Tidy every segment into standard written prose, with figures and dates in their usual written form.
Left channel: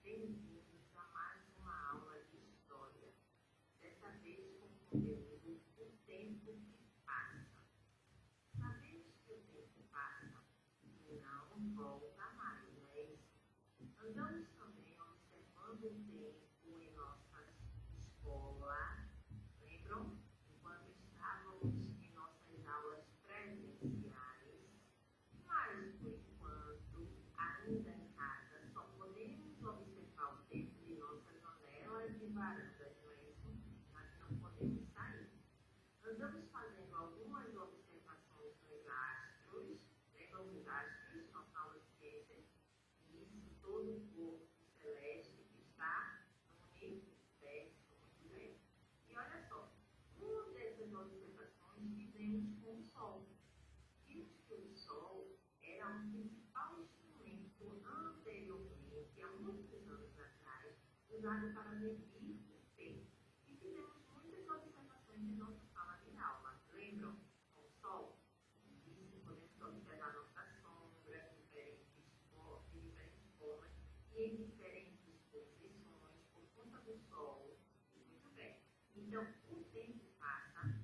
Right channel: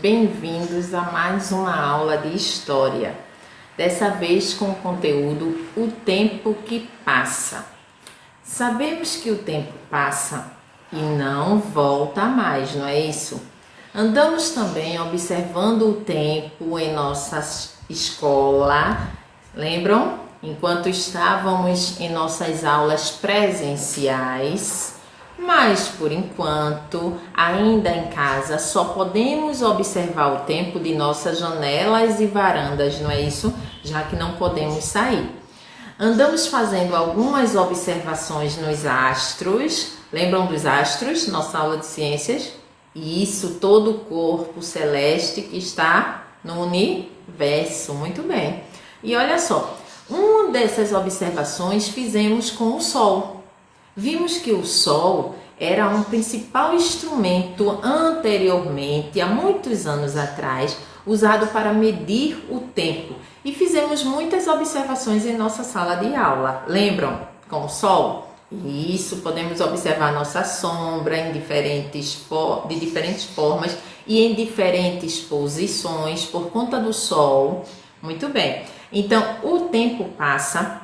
bem-vindos a mais uma aula de História. Dessa vez com o conteúdo O Tempo que Passa. Sabemos que o tempo passa e não volta mais, não é isso? Andamos também observando o tempo em nossa escola, lembram? Enquanto estávamos em nossas aulas presenciais, mas por enquanto, ainda em casa, só podemos observar o tempo de nossas janelas e varandas, não é isso? Já que não podemos sair. Andamos fazendo algumas observações nos astros. Lembram dos astros? Nossa aula de ciências? E isso, todo o corpo celeste que está no universo. Muito bem. E olha só, uma dessas observações fizemos com o Sol. Vimos que o Sol era um principal instrumento anteriormente, há muitos anos atrás, usado para medir o tempo. E fizemos muitas observações em nossa sala de aula. Lembram? Com o Sol? Isso, podemos observar nossa sombra de diferentes formas e em diferentes posições por conta do Sol. Muito bem. Então, o tempo passa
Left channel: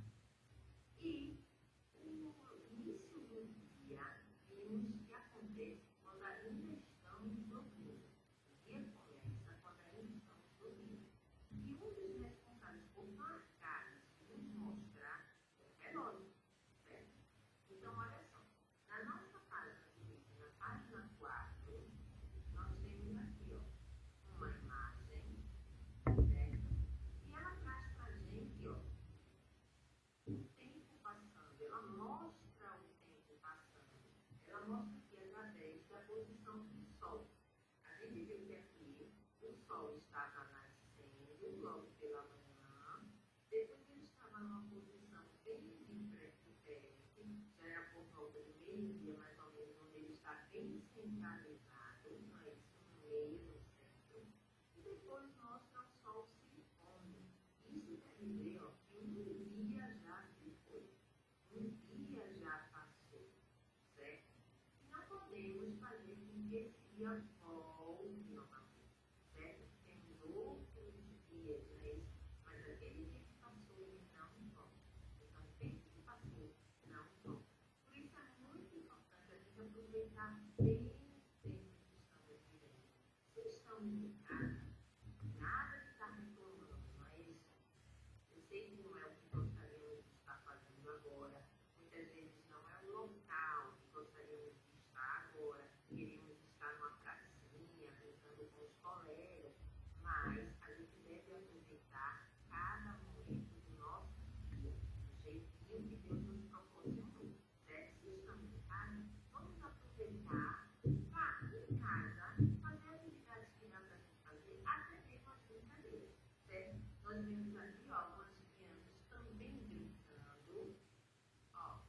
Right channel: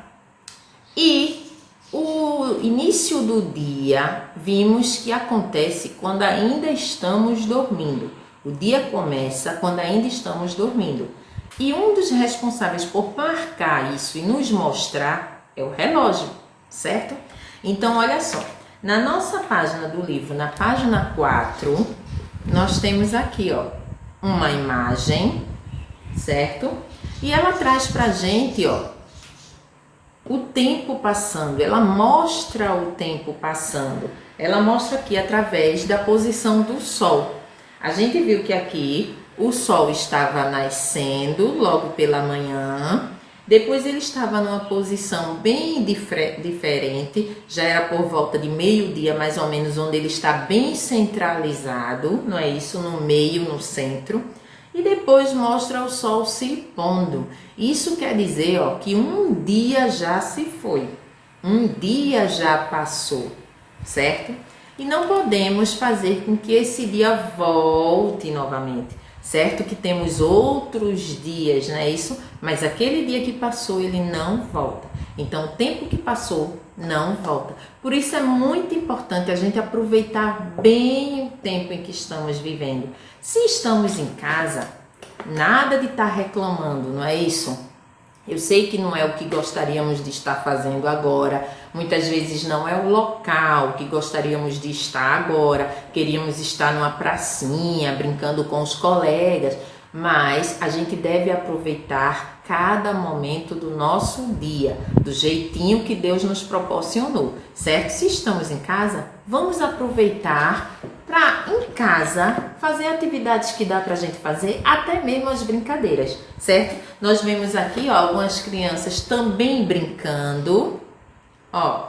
e o início do dia vimos que acontece quando ainda estamos dormindo. O dia começa quando ainda estamos dormindo. E um dos responsáveis por marcar isso e nos mostrar é o relógio, certo? Então, olha só, na nossa página do livro, na página 4, nós temos aqui, ó, uma imagem, certo? E ela traz pra gente, ó, o tempo passando, ela mostra o tempo passando. Ela mostra aqui através da posição do Sol. A gente viu que aqui o Sol estava nascendo logo pela manhã, depois ele estava numa posição bem diferente, já era por volta de meio-dia mais ou menos, onde ele está bem centralizado, não é isso? No meio, no centro. E depois mostra o Sol se pondo. Isso quer dizer, ó, que um dia já se foi, um dia já passou, certo? E não podemos fazer com que esse dia volte novamente, certo? Que temos outros dias, não é isso? Mas aquele dia que passou, ele não volta. Então, o tempo que passou não volta. Por isso é muito importante a gente aproveitar bem o tempo em que estamos vivendo. Se estamos em casa, nada de estar reclamando, não é isso? Eu sei que não é o que gostaríamos de estar fazendo agora, muitas vezes não é o local que gostaríamos de estar agora, queríamos estar numa pracinha, brincando com os colegas, mas a gente deve aproveitar cada momento do nosso dia, do jeitinho que Deus nos proporcionou, certo? Se estamos em casa, vamos aproveitar para em casa fazer atividades que dá pra gente fazer, até mesmo as brincadeiras, certo? Nós vemos aqui, ó, algumas crianças também brincando, ó.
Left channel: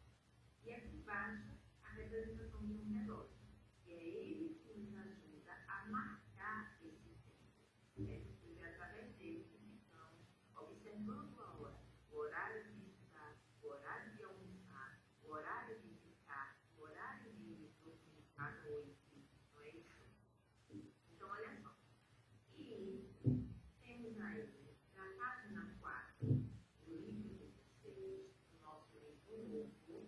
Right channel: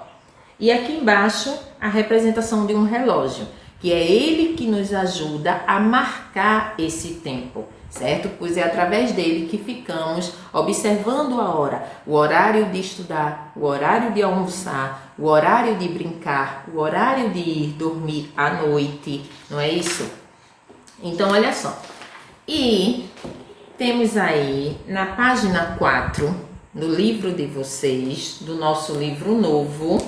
E aqui embaixo a representação de um relógio, que é ele que nos ajuda a marcar esse tempo, certo? Pois é através dele que ficamos observando a hora, o horário de estudar, o horário de almoçar, o horário de brincar, o horário de ir dormir à noite, não é isso? Então, olha só. E temos aí na página 4 do livro de vocês, do nosso livro novo.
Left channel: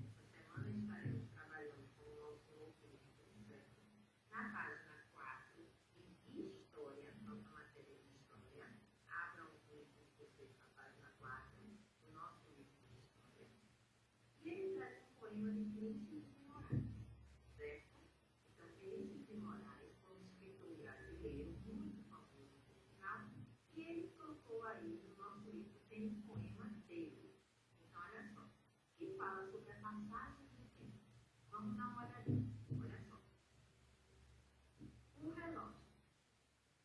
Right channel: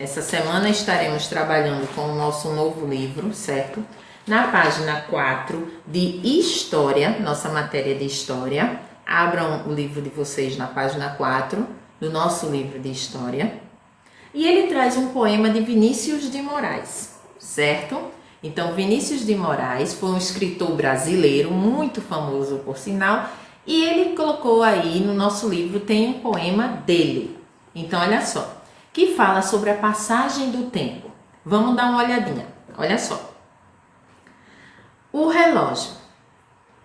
Essa semana estaremos trabalhando com o nosso novo livro, certo? Na página 4 de História, nossa matéria de História, abram o livro de vocês na página 4 do nosso livro de História. E ele traz um poema de Vinícius de Moraes, certo? Então, Vinícius de Moraes foi um escritor brasileiro, muito famoso por sinal, e ele colocou aí no nosso livro, tem um poema dele. Então, olha só, que fala sobre a passagem do tempo. Vamos dar uma olhadinha, olha só. O relógio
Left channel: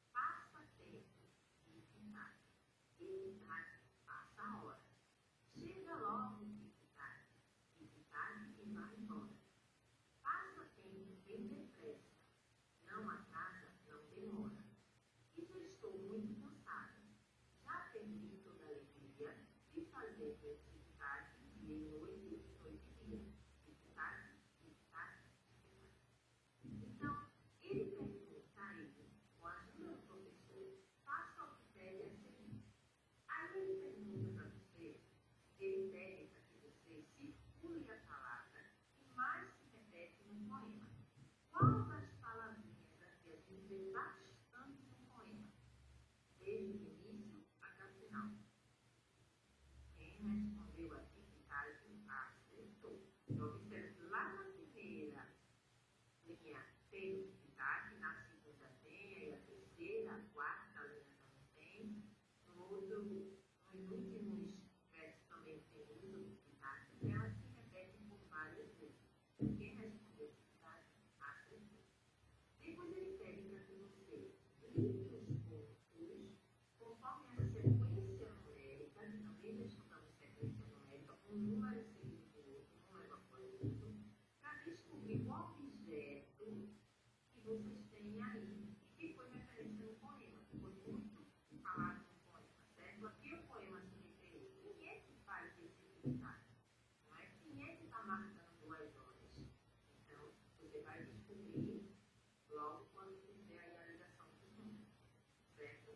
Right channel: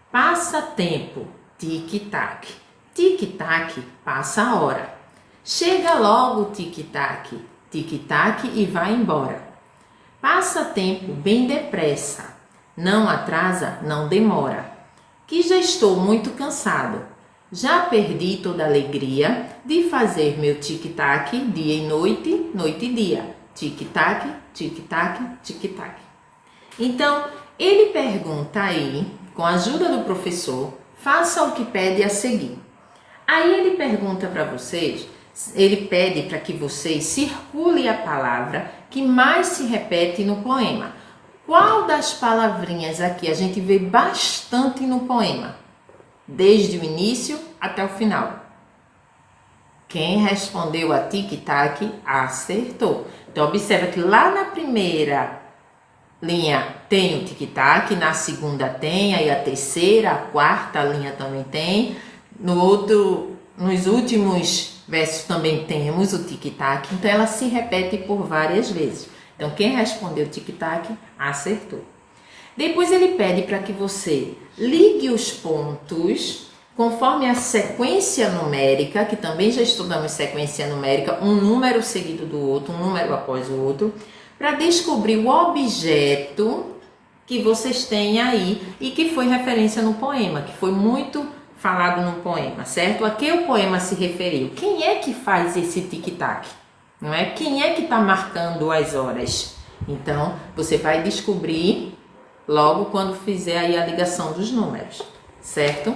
passa tempo, tic-tac, tic-tac, passa a hora. Chega logo o tic-tac, tic-tac e vai embora. Passa tempo bem depressa, não atrasa, não demora. Que já estou muito cansado, já perdi toda a alegria de fazer meu tic-tac dia e noite, noite e dia. Tic-tac, tic-tac, tic-tac. Então, Ele pergunta aí, com a ajuda do professor, faça o que pede a seguir. Aí ele pergunta para vocês, ele pede para que vocês circulem a palavra que mais se repete no poema. Qual das palavrinhas aqui a gente vê bastante no poema? Desde o início até o final. Quem respondeu a tic-tac acertou. Então, observa que lá na primeira linha tem o tic-tac, na segunda tem, aí a terceira, a quarta linha também tem. Nos últimos versos também temos o tic-tac, então ela se repete por várias vezes. Então, quem respondeu tic-tac acertou. Depois ele pede para que você ligue os pontos conforme a sequência numérica, que também já estudamos sequência numérica, um número seguido do outro, um número após o outro, para descobrir o objeto que vocês têm aí e que foi referência no poema, que foi muito falado no poema, certo? A que o poema se referiu? Quem é que faz esse tic-tac? Não é? Quem é que está marcando as horas? Então, você vai descobrir logo quando fizer aí a ligação dos números, certo?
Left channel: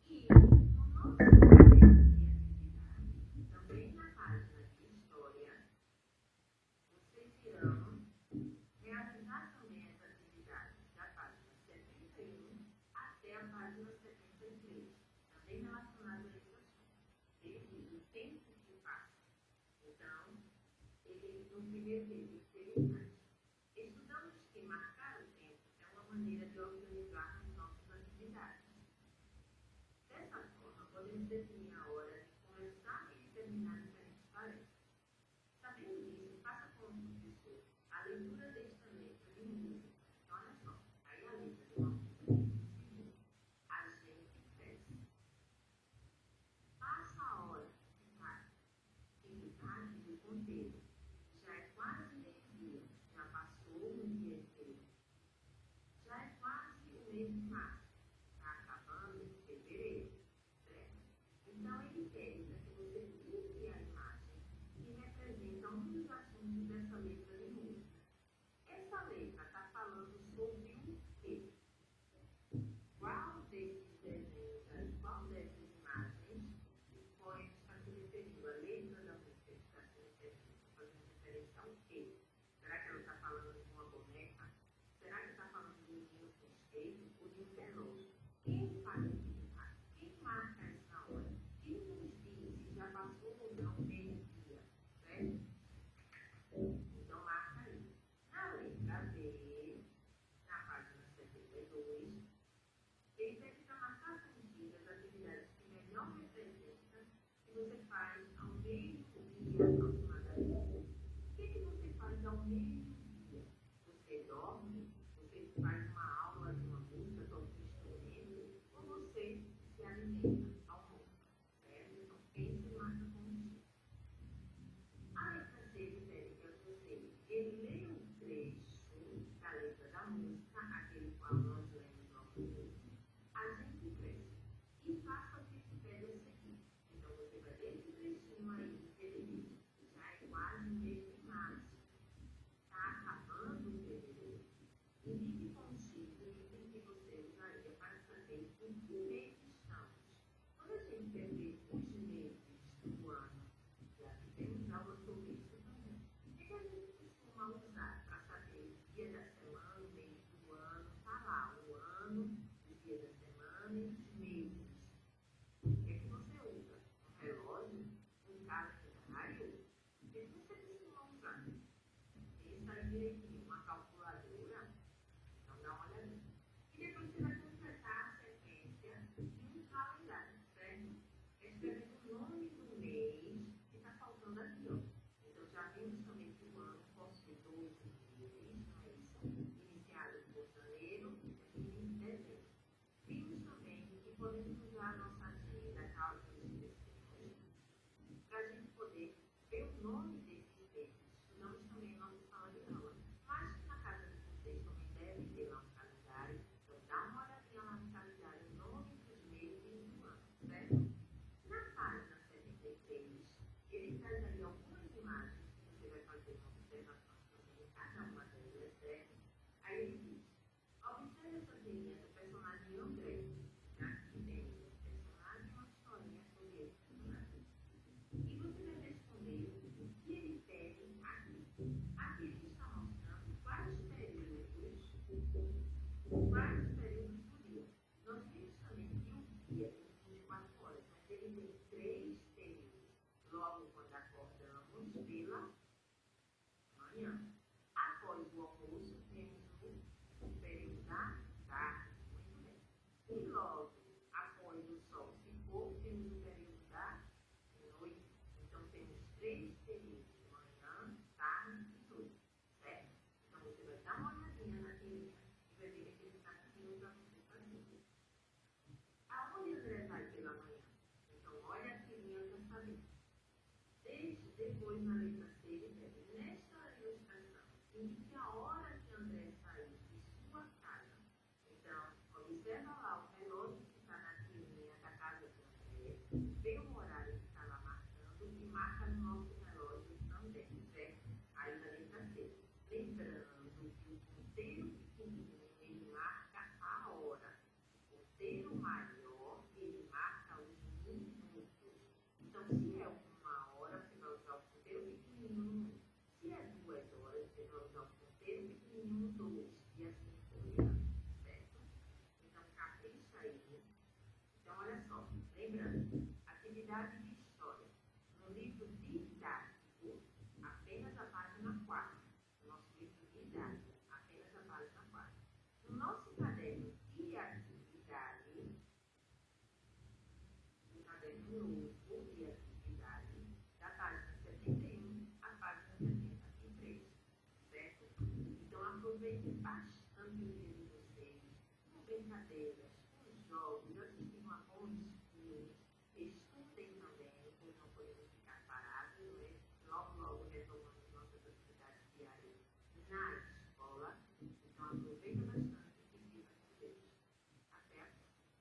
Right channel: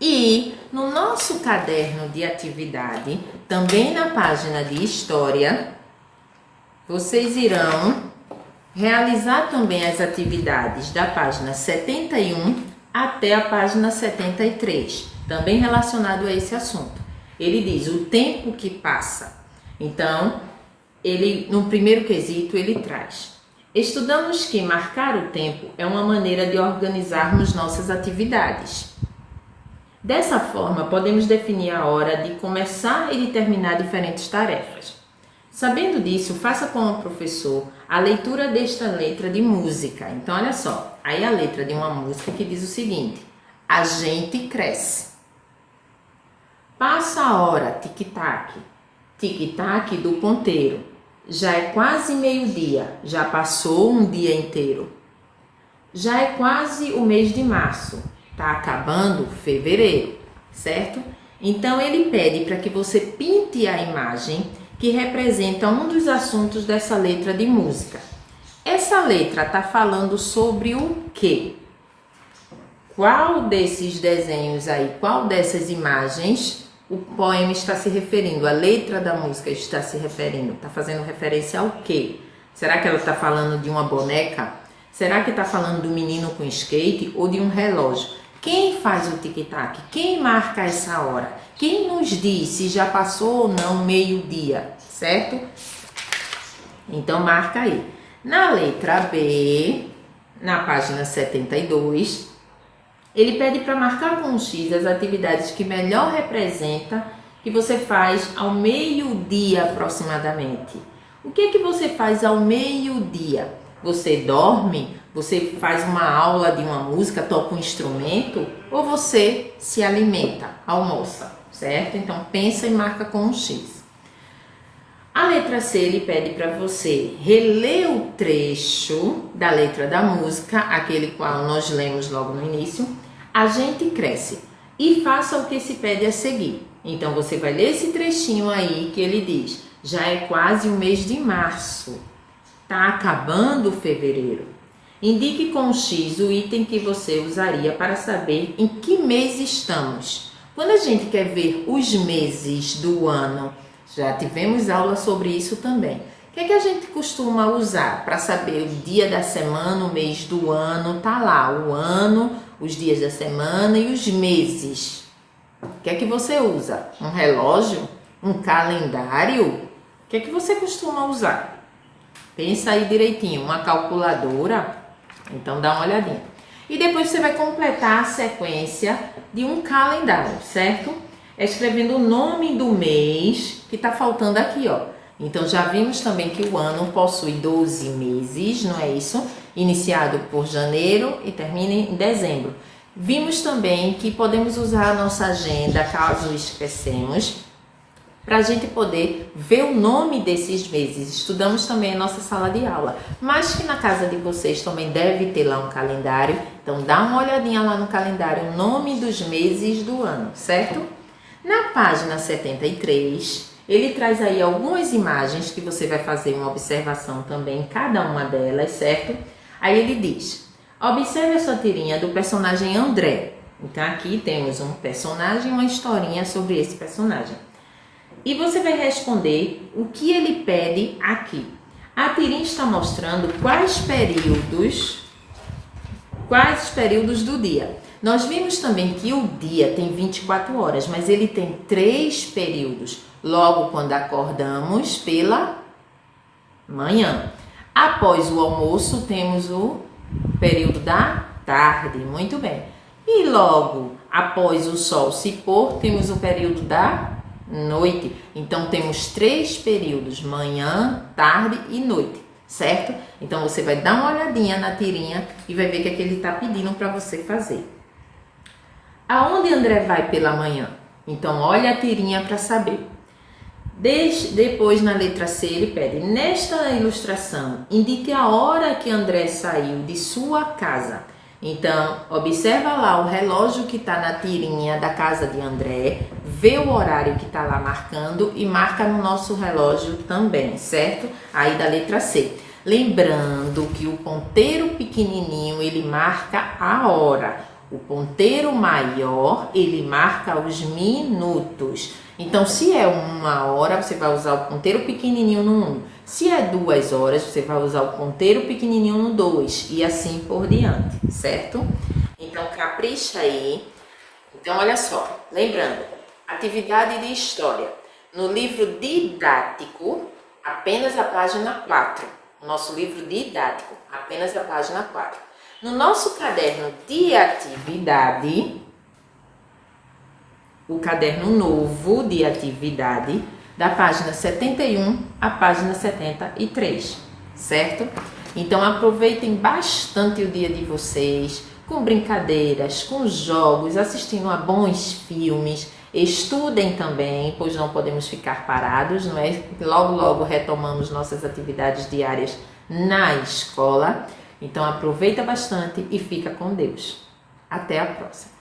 E no nosso caderno de atividade, também na página de História, vocês irão realizar também as atividades da página 71 até a página 73, também relacionado a esse assunto. Ele diz o tempo que passa. Então, no primeiro quesito, ele traz: estudamos que marcar o tempo é uma maneira de organizarmos nossas atividades. Dessa forma, podemos definir a hora de começar e de terminar diferentes tarefas. Sabendo disso, faça com o professor a leitura desta letra de música. Então, olha só, aí a letra de uma música que diz o seguinte: a gente cresce. Passa a hora, tic-tac, tic-tac do ponteiro. Já é quase meio-dia, já passou um dia inteiro. Já é quase o mês de março, tá acabando fevereiro, certo? Então, ele pede para que você pinte a imagem que representa um dos assuntos dessa letra de música. Essa letra está falando sobre o quê? Qual desses desenhos aí, qual dessas imagens o poema está se referindo? A letra da música está se referindo? Está fazendo referência ao quê? Será que ela está falando de uma boneca? Será que está falando do menino com skate ou de um relógio? Quem faz o tic-tac? Quem marca essa hora? Quem nos diz se já passou ou não meio-dia, certo? Então, marca aí. Na letra B, na página 72, ele pede para marcar com um X as atividades que melhor representa que você faz ao meio-dia aproximadamente. O que é que você faz ao meio-dia? Você dorme? Você faz uma aula de uma música, toca um instrumento? Ou você se alimenta, almoça, certo? Então, pensa e marca com um X. A letra C, ele pede para você reler o trecho da letra da música, aquele qual nós lemos logo no início, a gente cresce, e faça o que se pede a seguir. Então, você vai ler esse trechinho aí que ele diz: já é quase o mês de março, tá acabando fevereiro. Indique com X o item que você usaria para saber em que mês estamos. Quando a gente quer ver os meses do ano, já tivemos aula sobre isso também. O que é que a gente costuma usar para saber o dia da semana, o mês do ano? Tá lá, o ano, os dias da semana e os meses. O que é que você usa? Um relógio? Um calendário? O que é que você costuma usar? Pensa aí direitinho, uma calculadora? Então dá uma olhadinha. E depois você vai completar a sequência de um calendário, certo? Escrevendo o nome do mês que tá faltando aqui, ó. Então já vimos também que o ano possui 12 meses, não é isso? Iniciado por janeiro e termina em dezembro. Vimos também que podemos usar a nossa agenda, caso esquecemos, para a gente poder ver o nome desses meses. Estudamos também a nossa sala de aula, mas que na casa de vocês também deve ter lá um calendário. Então dá uma olhadinha lá no calendário, o nome dos meses do ano, certo? Na página 73, ele traz aí algumas imagens que você vai fazer uma observação também em cada uma delas, certo? Aí ele diz: observe a sua tirinha do personagem André. Então aqui temos um personagem e uma historinha sobre esse personagem. E você vai responder o que ele pede aqui. A tirinha está mostrando quais períodos do dia. Nós vimos também que o dia tem 24 horas, mas ele tem 3 períodos. Logo, quando acordamos pela manhã. Após o almoço, temos o período da tarde. Muito bem. E logo após o sol se pôr, temos o período da noite. Então, temos 3 períodos: manhã, tarde e noite, certo? Então, você vai dar uma olhadinha na tirinha e vai ver o que é que ele está pedindo para você fazer. Aonde André vai pela manhã? Então, olha a tirinha para saber. Depois, na letra C, ele pede: nesta ilustração, indique a hora que André saiu de sua casa. Então, observa lá o relógio que está na tirinha da casa de André, vê o horário que está lá marcando e marca no nosso relógio também, certo? Aí da letra C. Lembrando que o ponteiro pequenininho, ele marca a hora. O ponteiro maior, ele marca os minutos. Então, se é 1 hora, você vai usar o ponteiro pequenininho no 1. Se é 2 horas, você vai usar o ponteiro pequenininho no 2 e assim por diante, certo? Então, capricha aí. Então, olha só, lembrando, atividade de história. No livro didático, apenas a página 4. Nosso livro didático, apenas a página 4. No nosso caderno de atividade, o caderno novo de atividade, da página 71 à página 73, certo? Então, aproveitem bastante o dia de vocês, com brincadeiras, com jogos, assistindo a bons filmes. Estudem também, pois não podemos ficar parados, não é? Logo, logo retomamos nossas atividades diárias na escola. Então, aproveita bastante e fica com Deus. Até a próxima.